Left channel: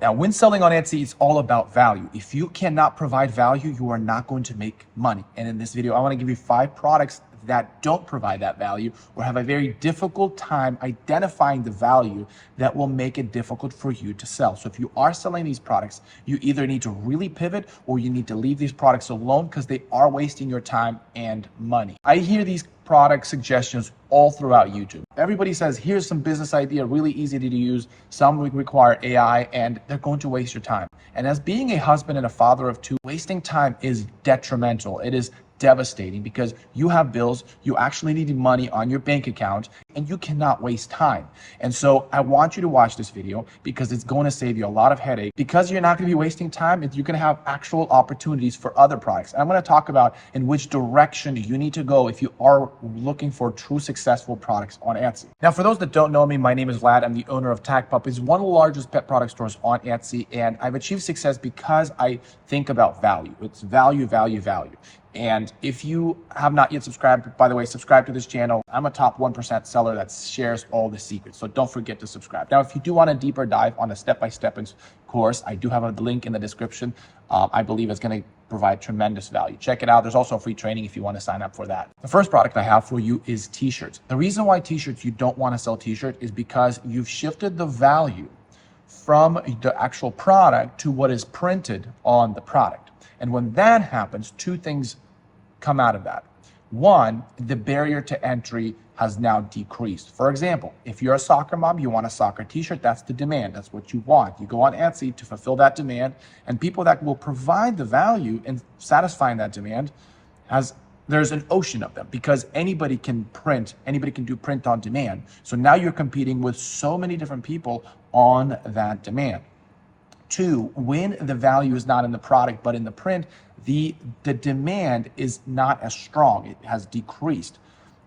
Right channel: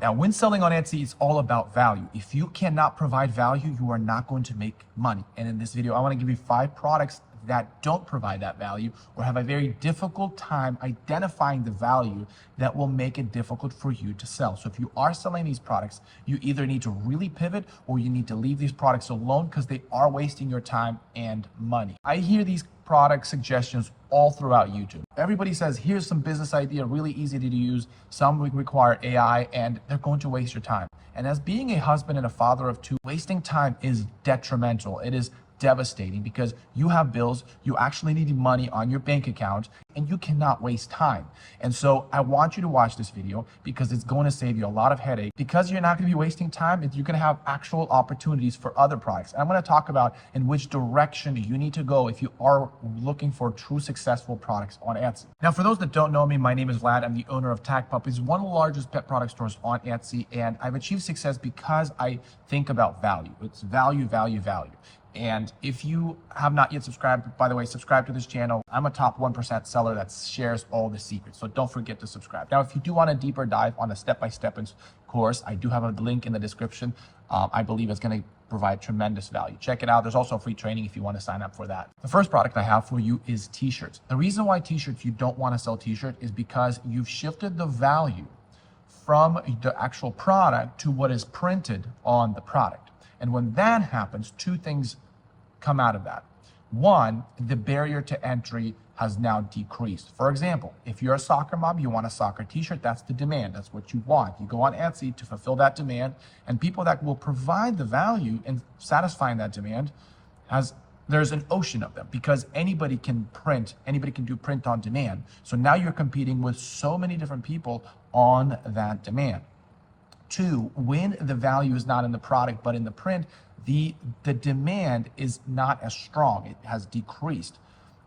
Now, when selling on Etsy, it's all about value. If you cannot provide value, you are not going to make money. And in this video, I want to give you 5 products that don't provide that value or have a very difficult time identifying the value that will make it difficult for you to sell. So if you are selling these products, you either need to really pivot or you need to leave these products alone because they are wasting your time and money. I hear these product suggestions all throughout YouTube. Everybody says, here's some business idea, really easy to use. Some require AI and they're going to waste your time. And as being a husband and a father of 2, wasting time is detrimental. It is devastating because you have bills, you actually need money on your bank account, and you cannot waste time. And so I want you to watch this video because it's going to save you a lot of headache. Because you're not going to be wasting time, you're going to have actual opportunities for other products. And I'm going to talk about in which direction you need to go if you are looking for true successful products on Etsy. Now, for those that don't know me, my name is Vlad. I'm the owner of Tack Puppies, one of the largest pet product stores on Etsy, and I've achieved success because I think about value. It's value, value, value. And if you have not yet subscribed, by the way, subscribe to this channel. I'm a top 1% seller that shares all the secrets. So don't forget to subscribe. Now, if you do want a deeper dive on a step-by-step course, I do have a link in the description. I believe it's going to provide tremendous value. Check it out. There's also a free training if you want to sign up for that. The first product I have for you is T-shirts. The reason why T-shirts you don't want to sell T-shirts is because you've shifted the value from the actual product to what is printed on the product. And when that happens, 2 things come out of that. One, the barrier to entry has now decreased. For example, if you're a soccer mom, you want a soccer T-shirt, that's the demand. That's what you want. You go on Etsy to fulfill that demand, and people that will provide the value in satisfying that demand, there's an ocean of them because anybody can print, anybody can do print on demand. So now you're competing with so many different people on that demand. 2, when the value is not in the product but in the print, the demand is not as strong. It has decreased.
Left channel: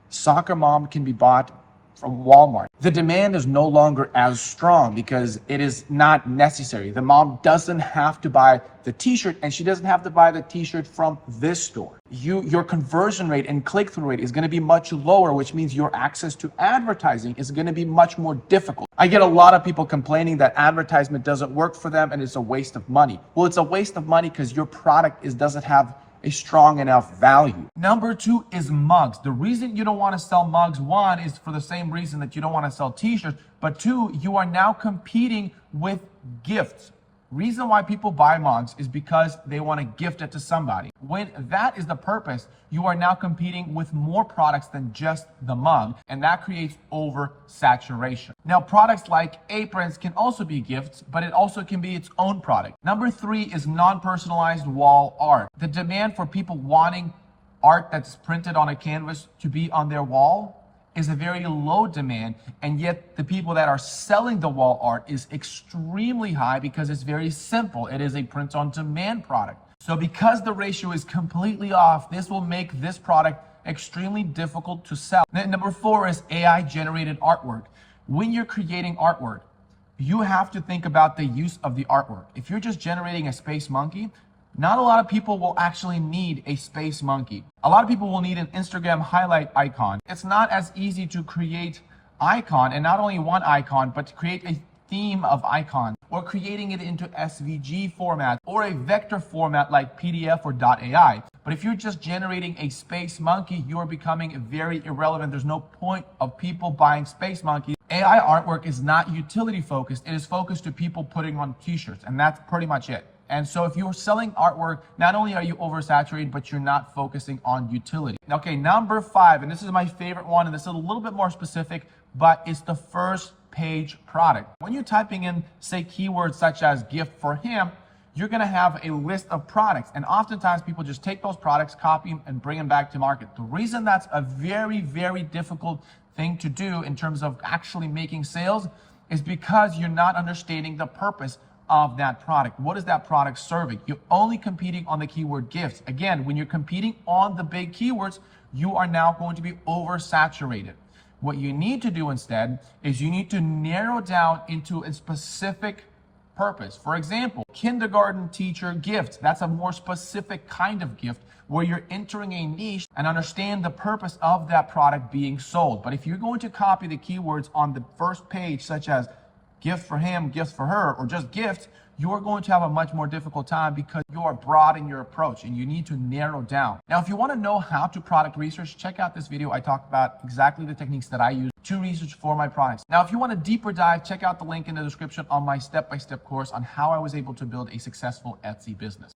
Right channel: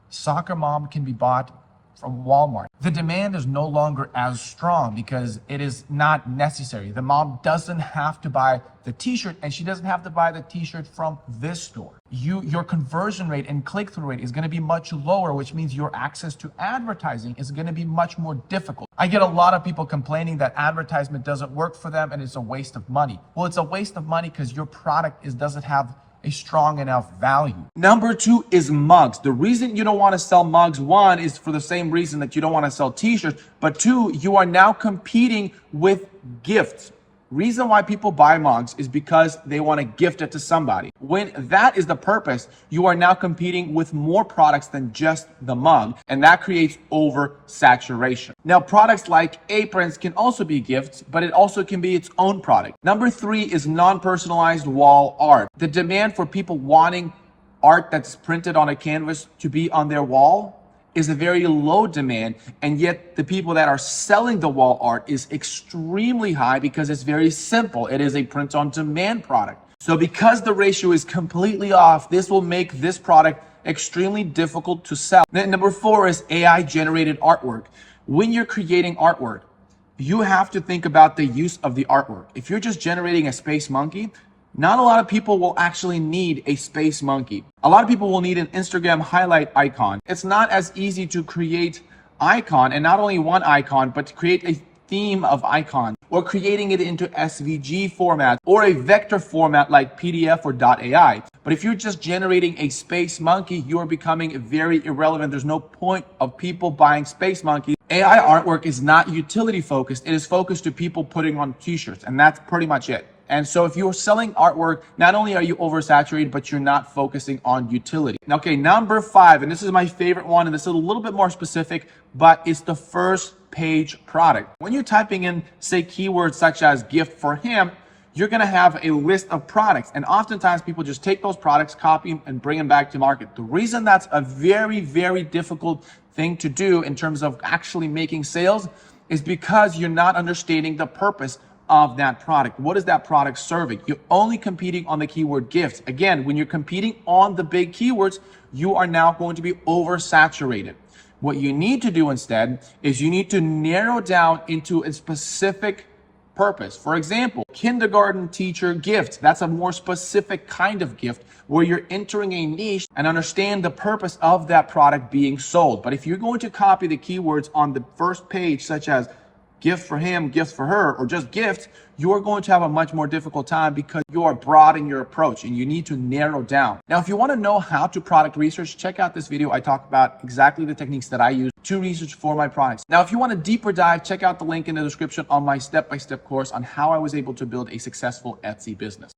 Soccer mom can be bought from Walmart. The demand is no longer as strong because it is not necessary. The mom doesn't have to buy the T-shirt, and she doesn't have to buy the T-shirt from this store. Your conversion rate and click-through rate is going to be much lower, which means your access to advertising is going to be much more difficult. I get a lot of people complaining that advertisement doesn't work for them and it's a waste of money. Well, it's a waste of money because your product doesn't have a strong enough value. Number 2 is mugs. The reason you don't want to sell mugs, 1, is for the same reason that you don't want to sell T-shirts, but 2, you are now competing with gifts. Reason why people buy mugs is because they want to gift it to somebody. When that is the purpose, you are now competing with more products than just the mug, and that creates oversaturation. Now, products like aprons can also be gifts, but it also can be its own product. Number 3 is non-personalized wall art. The demand for people wanting art that's printed on a canvas to be on their wall is a very low demand, and yet the people that are selling the wall art is extremely high because it's very simple. It is a print-on-demand product. So because the ratio is completely off, this will make this product extremely difficult to sell. Then number 4 is AI-generated artwork. When you're creating artwork, you have to think about the use of the artwork. If you're just generating a space monkey, not a lot of people will actually need a space monkey. A lot of people will need an Instagram highlight icon. It's not as easy to create icon, and not only one icon, but to create a theme of icon, or creating it into SVG format or a vector format like PDF or .ai. But if you're just generating a space monkey, you are becoming very irrelevant. There's no point of people buying space monkeys. AI artwork is not utility focused. It is focused to people putting on T-shirts, and that's pretty much it. And so if you're selling artwork, not only are you oversaturated, but you're not focusing on utility. Okay, number 5, and this is my favorite one, and this is a little bit more specific, but it's the first page product. When you're typing in, say, keywords such as gift for him, you're gonna have a list of products. And oftentimes people just take those products, copy them, and bring them back to market. The reason that's a very, very difficult thing to do in terms of actually making sales is because you're not understanding the purpose of that product. What is that product serving? You're only competing on the keyword gifts. Again, when you're competing on the big keywords, you are now going to be oversaturated. What you need to do instead is you need to narrow down into a specific purpose. For example, kindergarten teacher gift. That's a more specific kind of gift where you're entering a niche and understand the purpose of that product being sold. But if you're going to copy the keywords on the first page, such as gift for him, gifts for her, or just gifts, you're going to have a much more difficult time because you are broad in your approach and you need to narrow down. Now, if you want to know how to product research, check out this video. I talk about exactly the techniques that I use to research for my products. Now, if you want a deeper dive, check out the link in the description on my step-by-step course on how I was able to build a successful Etsy business.